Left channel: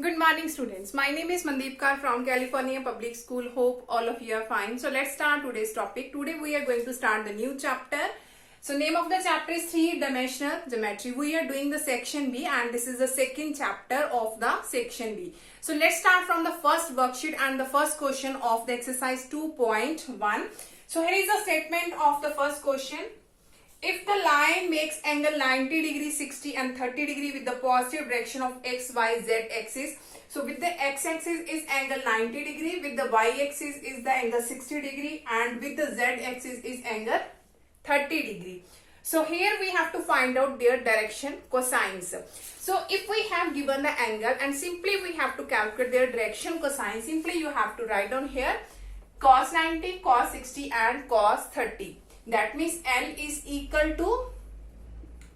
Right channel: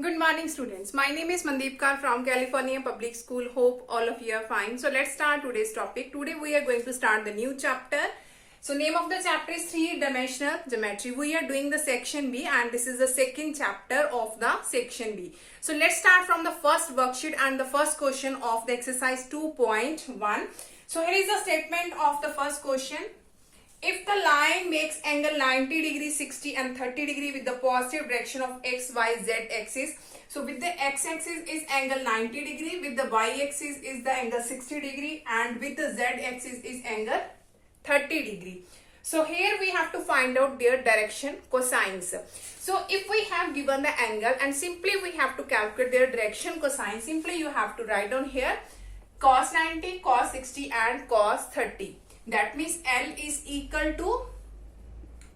Good morning, students. My name is Mandeep Kaur from California Public School. Hope all of you are fine. So let's start today's topic. Today we are going to start the new chapter. So name of the chapter is three-dimensional geometry. We are doing the section B and this is the second chapter of the section B. So let's start from the first worksheet and the first question of the exercise 2.1. So here is the statement of the first question. If the line makes angle 90 degree, 60 and 30 degree with the positive direction of x, y, z axis. So with the x axis is angle 90 degree, with the y axis is the angle 60 degree and with the z axis is angle 30 degree. So here we have to find out their direction cosines. So if we have given the angle and simply we have to calculate their direction cosine, simply you have to write down here cos 90, cos 60 and cos 30. That means L is equal to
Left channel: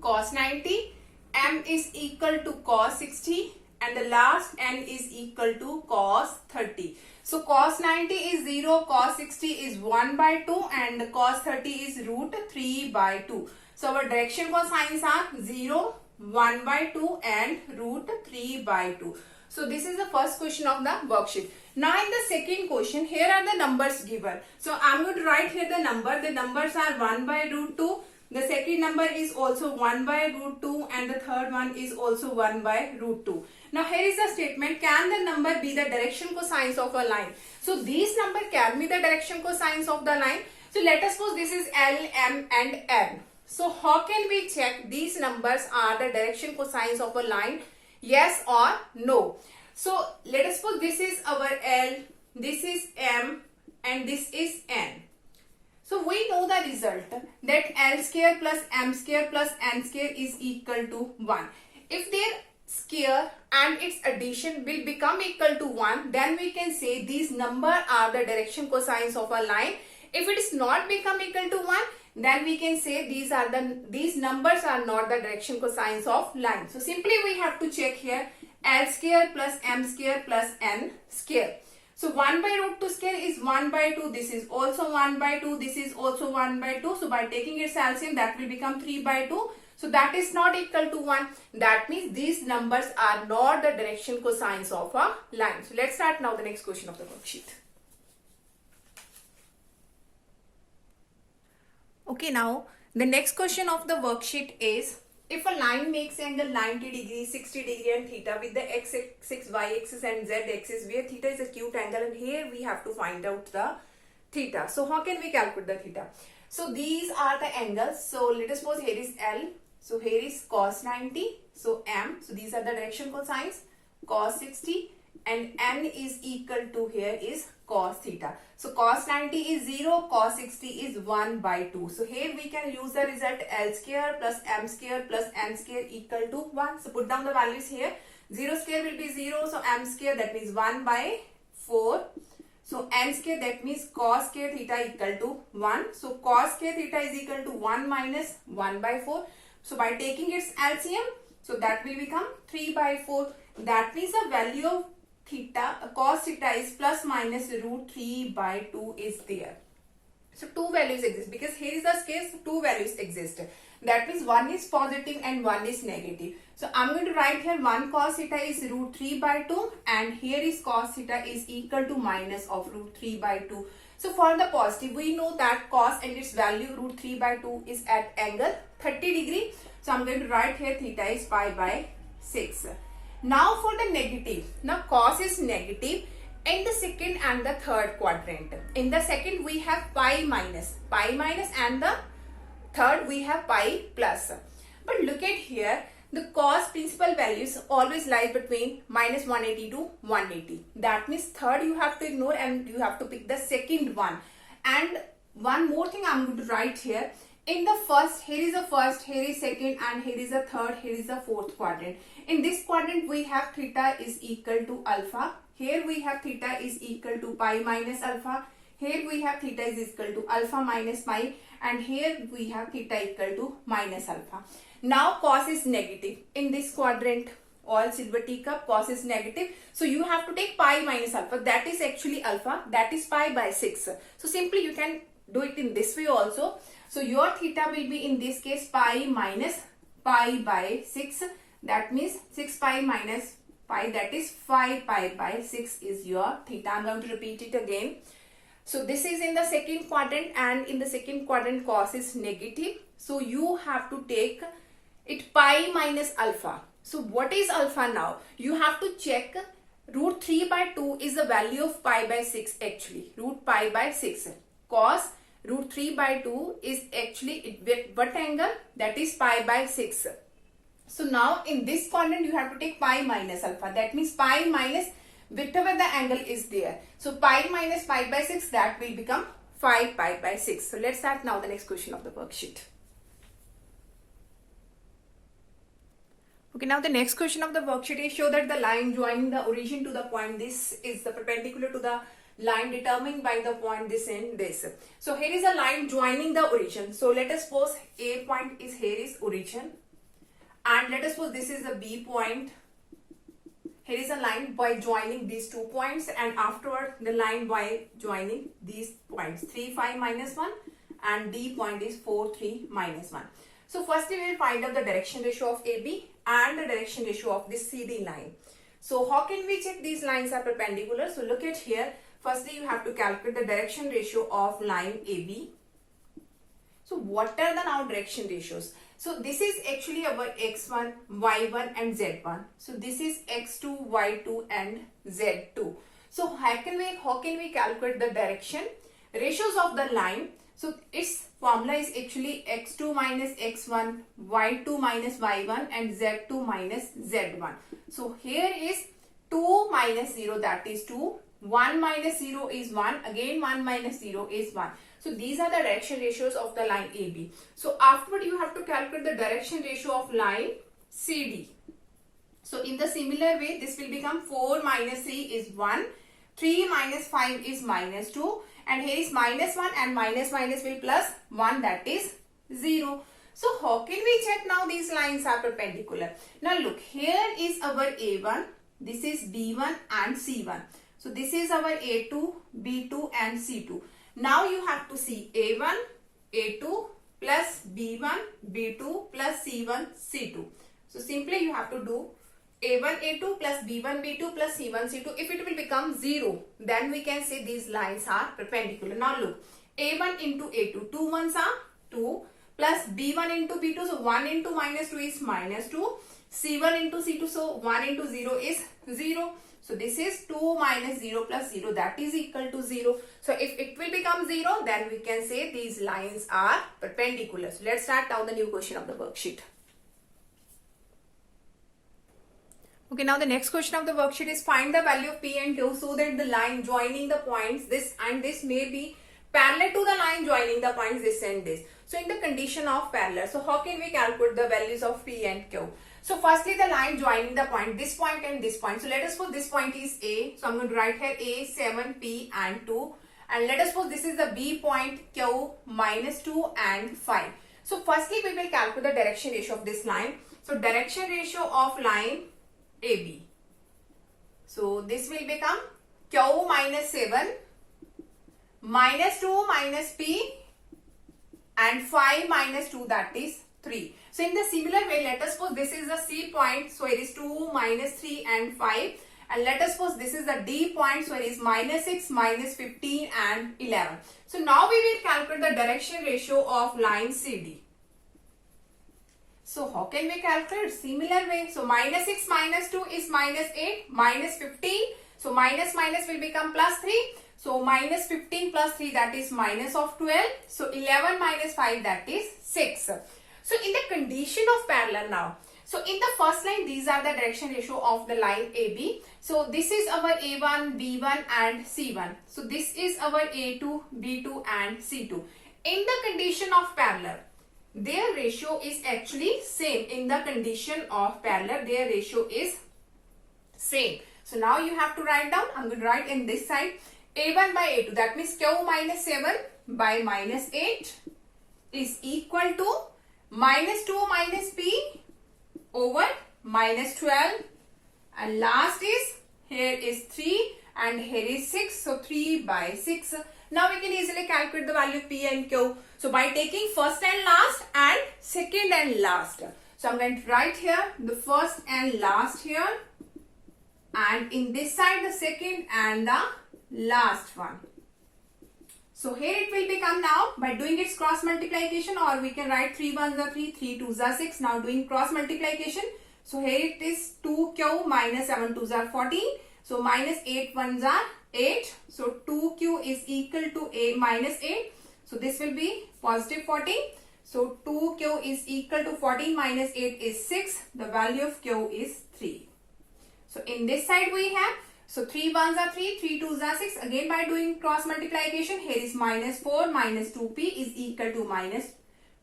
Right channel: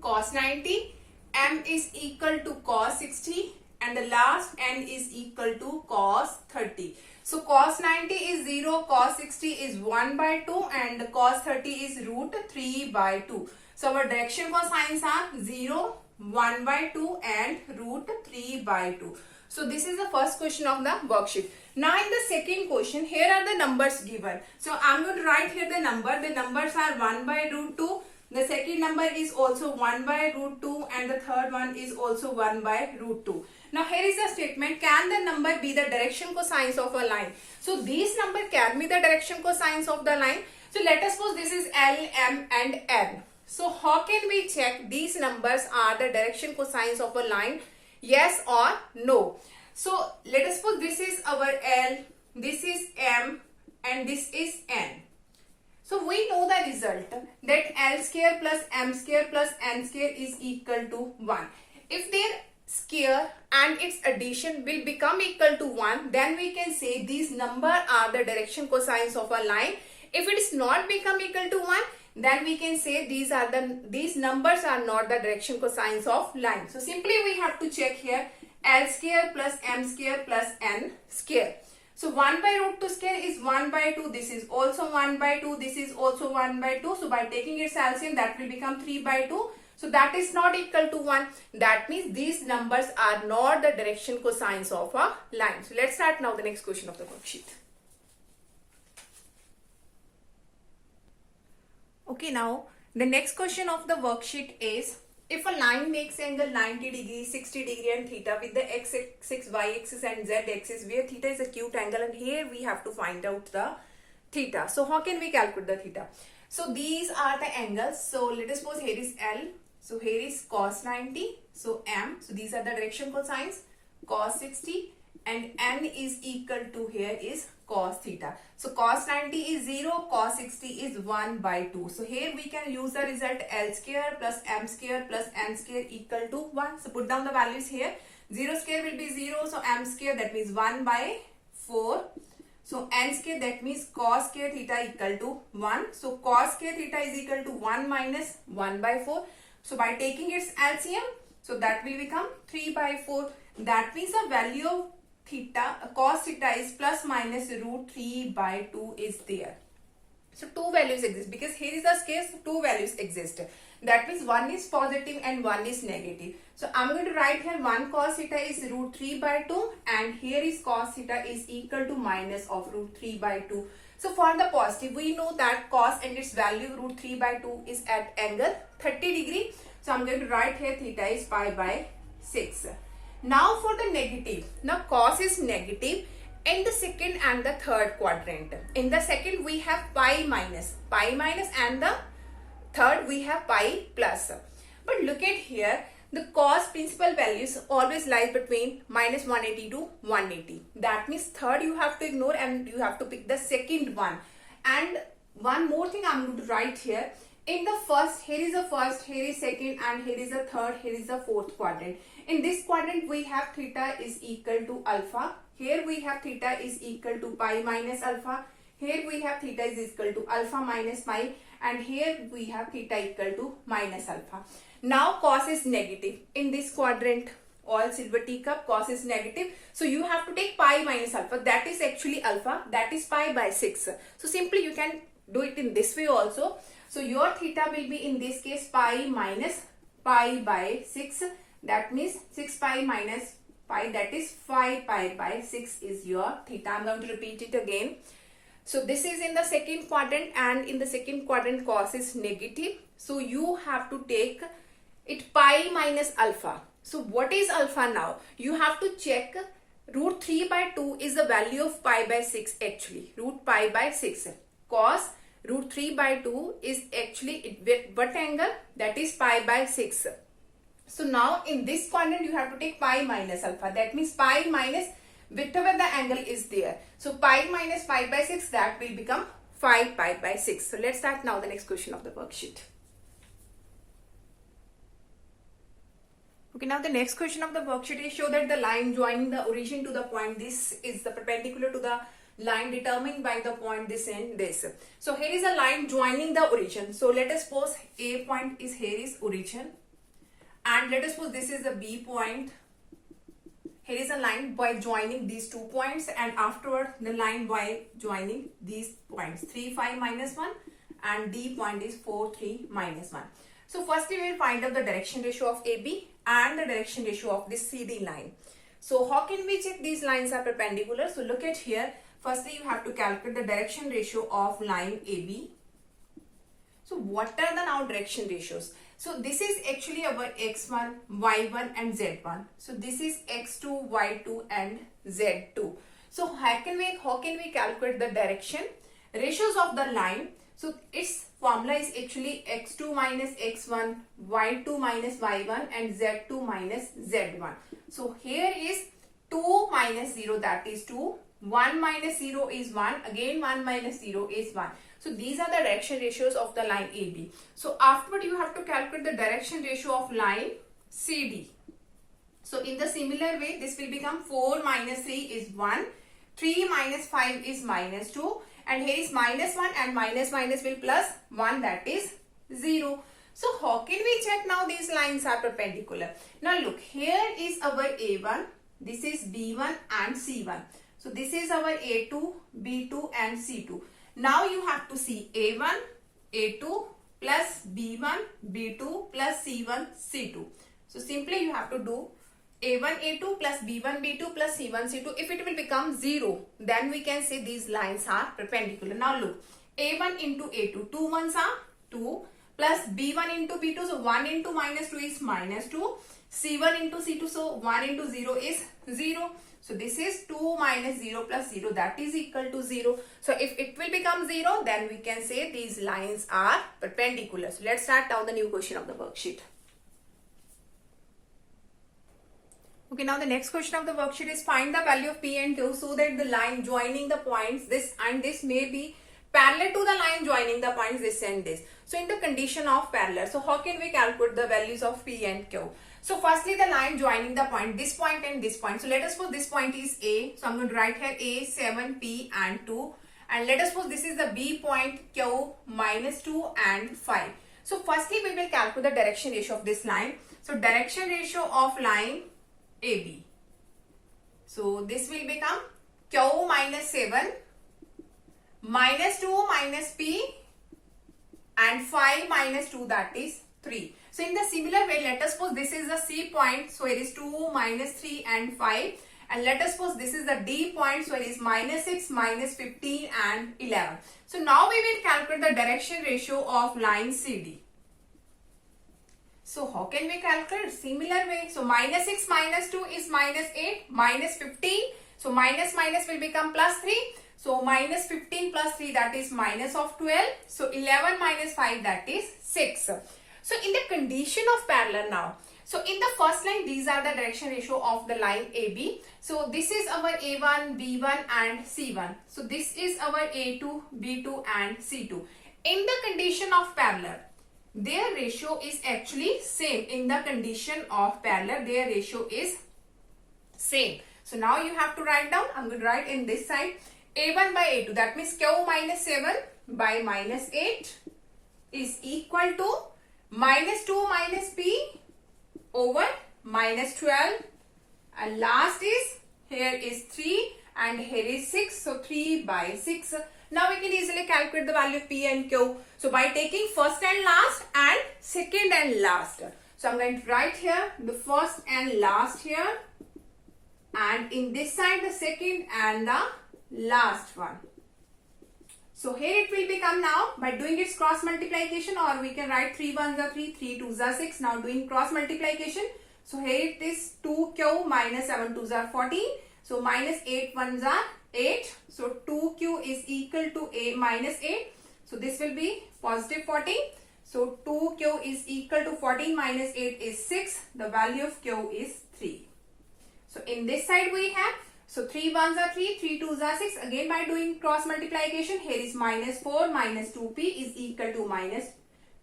cos 90, M is equal to cos 60 and the last N is equal to cos 30. So cos 90 is 0, cos 60 is 1 by 2 and cos 30 is root 3 by 2. So our direction cosines are 0, 1 by 2 and root 3 by 2. So this is the first question of the worksheet. Now in the second question, here are the numbers given. So I am going to write here the number. The numbers are 1 by root 2. The second number is also 1 by root 2 and the third one is also 1 by root 2. Now here is the statement, can the number be the direction cosines of a line? So these number can be the direction cosines of the line. So let us suppose this is L, M and N. So how can we check these numbers are the direction cosines of a line? Yes or no? So let us suppose this is our L, this is M and this is N. So we know the result that L square plus M square plus N square is equal to 1. If their square and its addition will become equal to 1, then we can say these numbers are the direction cosines of a line. If it is not become equal to 1, then we can say these numbers are not the direction cosines of line. So simply we have to check here L square plus M square plus N square. So 1 by root 2 square is 1 by 2. This is also 1 by 2. This is also 1 by 2. So by taking its LCM, that will become 3 by 2. So that is not equal to 1. That means these numbers are not the direction cosines of a line. So let's start now the next question of the worksheet. Okay, now the next question of the worksheet is, if a line makes angle 90 degree, 60 degree and theta with the x axis, y axis and z axis, where theta is acute angle and here we have to find out the theta. So how can we calculate the theta? So these are the angles. So let us suppose here is L. So here is cos 90. So M. So these are the direction cosines. Cos 60 and N is equal to here is cos theta. So cos 90 is 0, cos 60 is 1 by 2. So here we can use the result L square plus M square plus N square equal to 1. So put down the values here. 0 square will be 0. So M square, that means 1 by 4. So N square, that means cos square theta equal to 1. So cos square theta is equal to 1 minus 1 by 4. So by taking its LCM, so that will become 3 by 4. That means the value of theta, cos theta is plus minus root 3 by 2 is there. So two values exist because here is the case, two values exist. That means one is positive and one is negative. So I'm going to write here 1 cos theta is root 3 by 2 and here is cos theta is equal to minus of root 3 by 2. So for the positive, we know that cos and its value root 3 by 2 is at angle 30 degree. So I'm going to write here theta is pi by 6. Now for the negative, now cos is negative in the second and the third quadrant. In the second we have pi minus and the third we have pi plus. But look at here, the cos principal values always lies between minus 180 to 180. That means third you have to ignore and you have to pick the second one. And one more thing I'm going to write here. In the first, here is the first, here is second and here is the third, here is the fourth quadrant. In this quadrant we have theta is equal to alpha. Here we have theta is equal to pi minus alpha. Here we have theta is equal to alpha minus pi and here we have theta equal to minus alpha. Now cos is negative. In this quadrant, all silver teacup, cos is negative. So you have to take pi minus alpha. That is actually alpha. That is pi by 6. So simply you can do it in this way also. So your theta will be in this case pi minus pi by 6. That means 6 pi minus pi, that is 5 pi by 6 is your theta. I'm going to repeat it again. So this is in the second quadrant, and in the second quadrant cos is negative. So you have to take it pi minus alpha. So what is alpha now? You have to check root 3 by 2 is the value of pi by 6 actually. Root pi by 6. Cos root 3 by 2 is actually what angle? That is pi by 6. So now in this quadrant you have to take pi minus alpha. That means pi minus whichever the angle is there. So pi minus pi by 6, that will become 5 pi by 6. So let's start now the next question of the worksheet. Okay, now the next question of the worksheet is show that the line joining the origin to the point this is the perpendicular to the line determined by the point this and this. So here is a line joining the origin. So let us suppose A point is here is origin, and let us suppose this is the B point. Here is a line by joining these 2 points, and afterward the line by joining these points 3 5 minus 1, and D point is 4 3 minus 1. So firstly we will find out the direction ratio of AB and the direction ratio of this CD line. So how can we check these lines are perpendicular? So look at here. Firstly you have to calculate the direction ratio of line AB. So what are the now direction ratios? So this is actually our x1, y1 and z1. So this is x2, y2 and z2. So how can we calculate the direction ratios of the line? So its formula is actually x2 minus x1, y2 minus y1 and z2 minus z1. So here is 2 minus 0, that is 2. 1 minus 0 is 1. Again 1 minus 0 is 1. So these are the direction ratios of the line AB. So afterward you have to calculate the direction ratio of line CD. So in the similar way this will become 4 minus 3 is 1. 3 minus 5 is minus 2. And here is minus 1 and minus will plus 1, that is 0. So how can we check now these lines are perpendicular? Now look, here is our A1, this is B1 and C1. So this is our A2, B2 and C2. Now you have to see A1, A2 plus B1, B2 plus C1, C2. So simply you have to do A1, A2 plus B1, B2 plus C1, C2. If it will become 0, then we can say these lines are perpendicular. Now look, A1 into A2, 2 ones are 2 plus B1 into B2. So 1 into minus 2 is minus 2. C1 into C2. So 1 into 0 is 0. So this is 2 minus 0 plus 0, that is equal to 0. So if it will become 0, then we can say these lines are perpendicular. So let's start now the new question of the worksheet. Okay, now the next question of the worksheet is find the value of P and Q so that the line joining the points this and this may be parallel to the line joining the points this and this. So in the condition of parallel, so how can we calculate the values of P and Q? So firstly the line joining the point, this point and this point. So let us suppose this point is A. So I'm going to write here A, 7, P and 2. And let us suppose this is the B point, Q, minus 2 and 5. So firstly we will calculate the direction ratio of this line. So direction ratio of line AB. So this will become Q minus 7 minus 2 minus P and 5 minus 2, that is 3. So in the similar way, let us suppose this is the C point. So it is 2 minus 3 and 5. And let us suppose this is the D point. So it is minus 6 minus 15 and 11. So now we will calculate the direction ratio of line CD. So how can we calculate? Similar way. So minus 6 minus 2 is minus 8 minus 15. So minus will become plus 3. So minus 15 plus 3, that is minus of 12. So 11 minus 5, that is 6. So in the condition of parallel now. So in the first line, these are the direction ratio of the line AB. So this is our A1, B1 and C1. So this is our A2, B2 and C2. In the condition of parallel, their ratio is actually same. In the condition of parallel, their ratio is same. So now you have to write down. I'm going to write in this side A1 by A2. That means Q minus 7 by minus 8 is equal to minus 2 minus P over minus 12. And last is, here is 3 and here is 6. So 3 by 6. Now we can easily calculate the value of P and Q. So by taking first and last and second and last. So I'm going to write here the first and last here. and in this side the second and the last one. So here it will become now by doing its cross multiplication, or we can write 3 1s are 3, 3 2s are 6. Now doing cross multiplication. So here it is 2q minus 7 2s are 14. So minus 8 1s are 8. So 2q is equal to a minus 8. So this will be positive 14. So 2q is equal to 14 minus 8 is 6. The value of q is 3. So in this side we have, so 3 1s are 3, 3 2s are 6. Again by doing cross multiplication, here is minus 4 minus 2p is equal to minus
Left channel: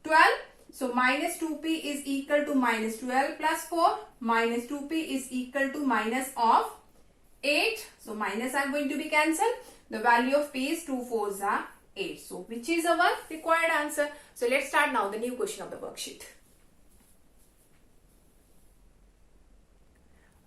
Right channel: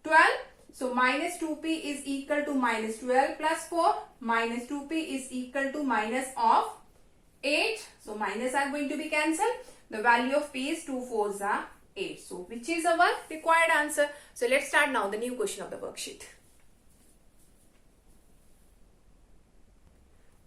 12. So minus 2p is equal to minus 12 plus 4. Minus 2p is equal to minus of 8. So minus are going to be cancelled. The value of p is 2 4s are 8. So which is our required answer? So let's start now the new question of the worksheet.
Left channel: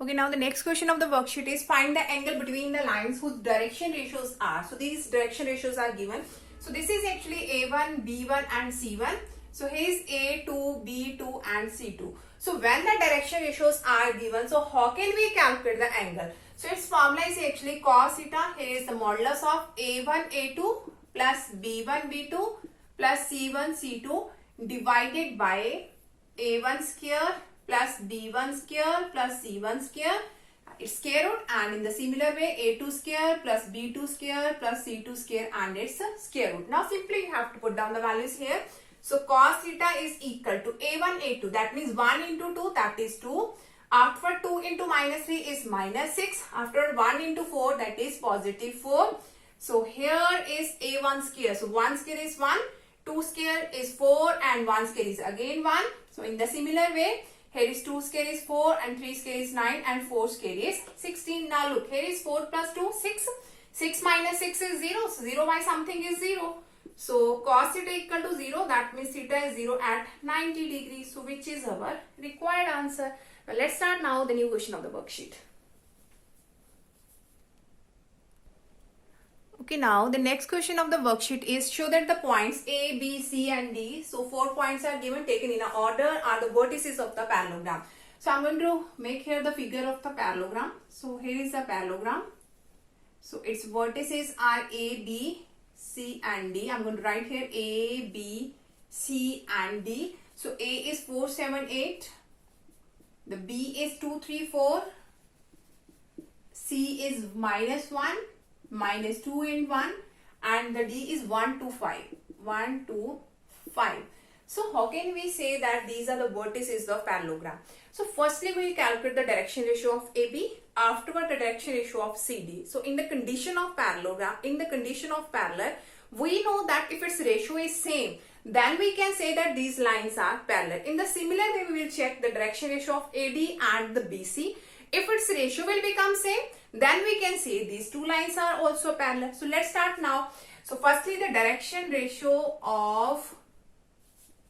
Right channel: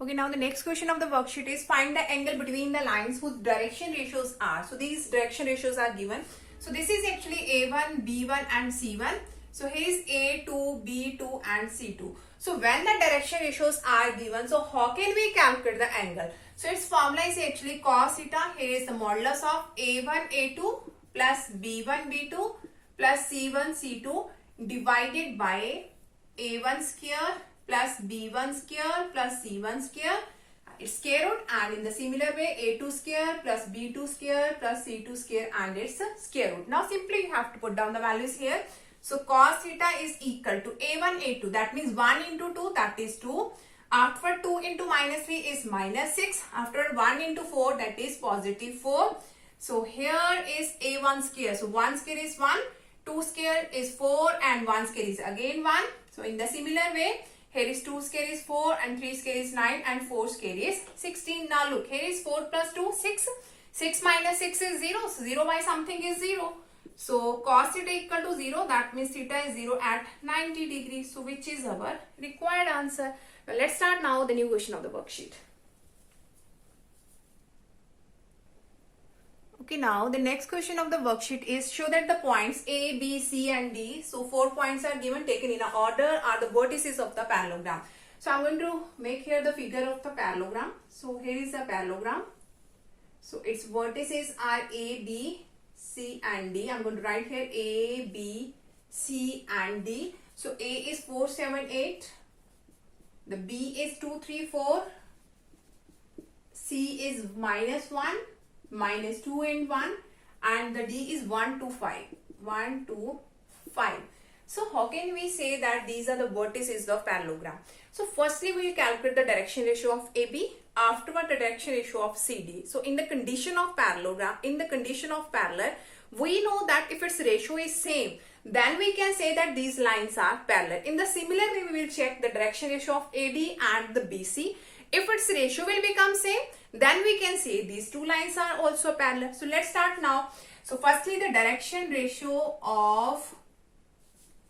Okay, now the next question of the worksheet is find the angle between the lines whose direction ratios are. So these direction ratios are given. So this is actually A1, B1 and C1. So here is A2, B2 and C2. So when the direction ratios are given, so how can we calculate the angle? So its formula is actually cos theta. Here is the modulus of A1, A2 plus B1, B2 plus C1, C2 divided by A1 square plus B1 square plus C1 square, its square root, and in the similar way A2 square plus B2 square plus C2 square and its square root. Now simply you have to put down the values here. So cos theta is equal to A1 A2, that means 1 into 2, that is 2. After 2 into minus 3 is minus 6. After 1 into 4, that is positive 4. So here is A1 square. So 1 square is 1, 2 square is 4 and 1 square is again 1. So in the similar way, here is 2 square is 4 and 3 square is 9 and 4 square is 16. Now look, here is 4 plus 2, 6. 6 minus 6 is 0. So 0 by something is 0. So cos theta equal to 0. That means theta is 0 at 90 degrees. So which is our required answer? Well, let's start now the new question of the worksheet. Okay, now the next question of the worksheet is show that the points A, B, C and D, so 4 points are given, taken in a order, are the vertices of the parallelogram. So I'm going to make here the figure of the parallelogram. So here is the parallelogram. So its vertices are A, B, C and D. I'm going to write here A, B, C and D. So A is 4, 7, 8. The B is 2, 3, 4. C is minus 1. Minus 2 and 1, and the D is 1 to 5. 1 to 5. So how can we say that these are the vertices of parallelogram? So firstly we will calculate the direction ratio of AB, afterward the direction ratio of CD. So in the condition of parallelogram, in the condition of parallel, we know that if its ratio is same, then we can say that these lines are parallel. In the similar way, we will check the direction ratio of AD and the BC. If its ratio will become same, then we can say these two lines are also parallel. So let's start now. So firstly the direction ratio of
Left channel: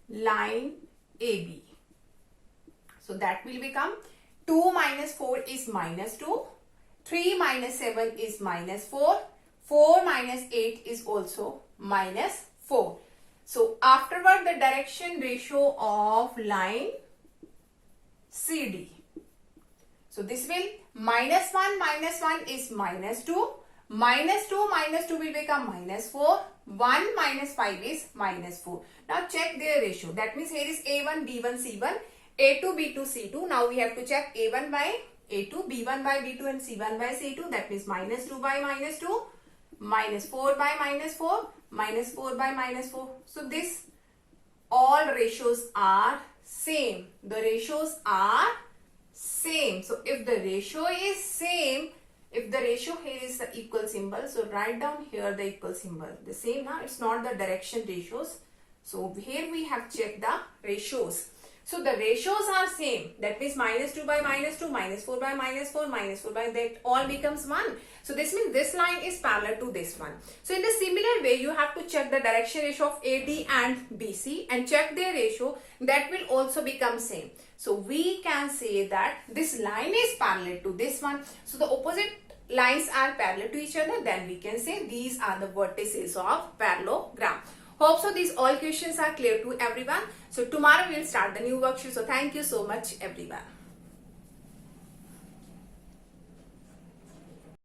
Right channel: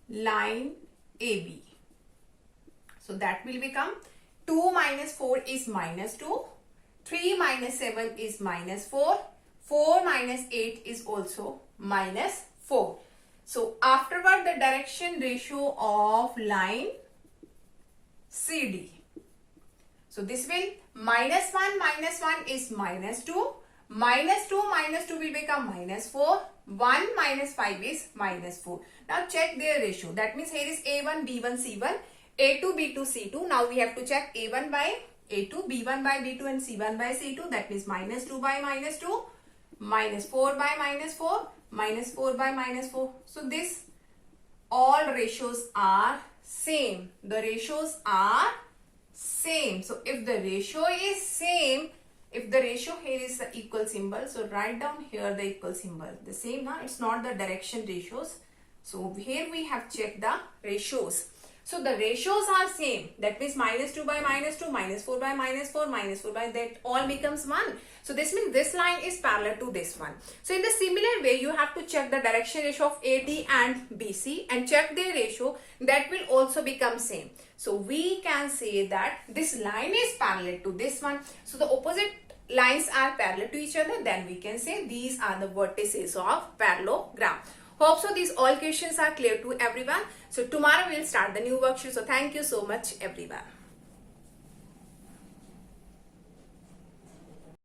line AB. So that will become 2 minus 4 is minus 2. 3 minus 7 is minus 4. 4 minus 8 is also minus 4. So afterward the direction ratio of line CD. So this will minus 1 is minus 2. Minus 2 will become minus 4. 1 minus 5 is minus 4. Now check their ratio. That means here is A1, B1, C1, A2, B2, C2. Now we have to check A1 by A2, B1 by B2 and C1 by C2. That means minus 2 by minus 2, minus 4 by minus 4, minus 4 by minus 4. So this all ratios are same. The ratios are same. So if the ratio is same, if the ratio here is the equal symbol, so write down here the equal symbol. The same now, it's not the direction ratios. So here we have checked the ratios. So the ratios are same. That means minus 2 by minus 2, minus 4 by minus 4, minus 4 by that all becomes 1. So this means this line is parallel to this one. So in the similar way, you have to check the direction ratio of AD and BC and check their ratio. That will also become same. So we can say that this line is parallel to this one. So the opposite lines are parallel to each other. Then we can say these are the vertices of parallelogram. Hope so these all questions are clear to everyone. So tomorrow we will start the new worksheet. So thank you so much everyone.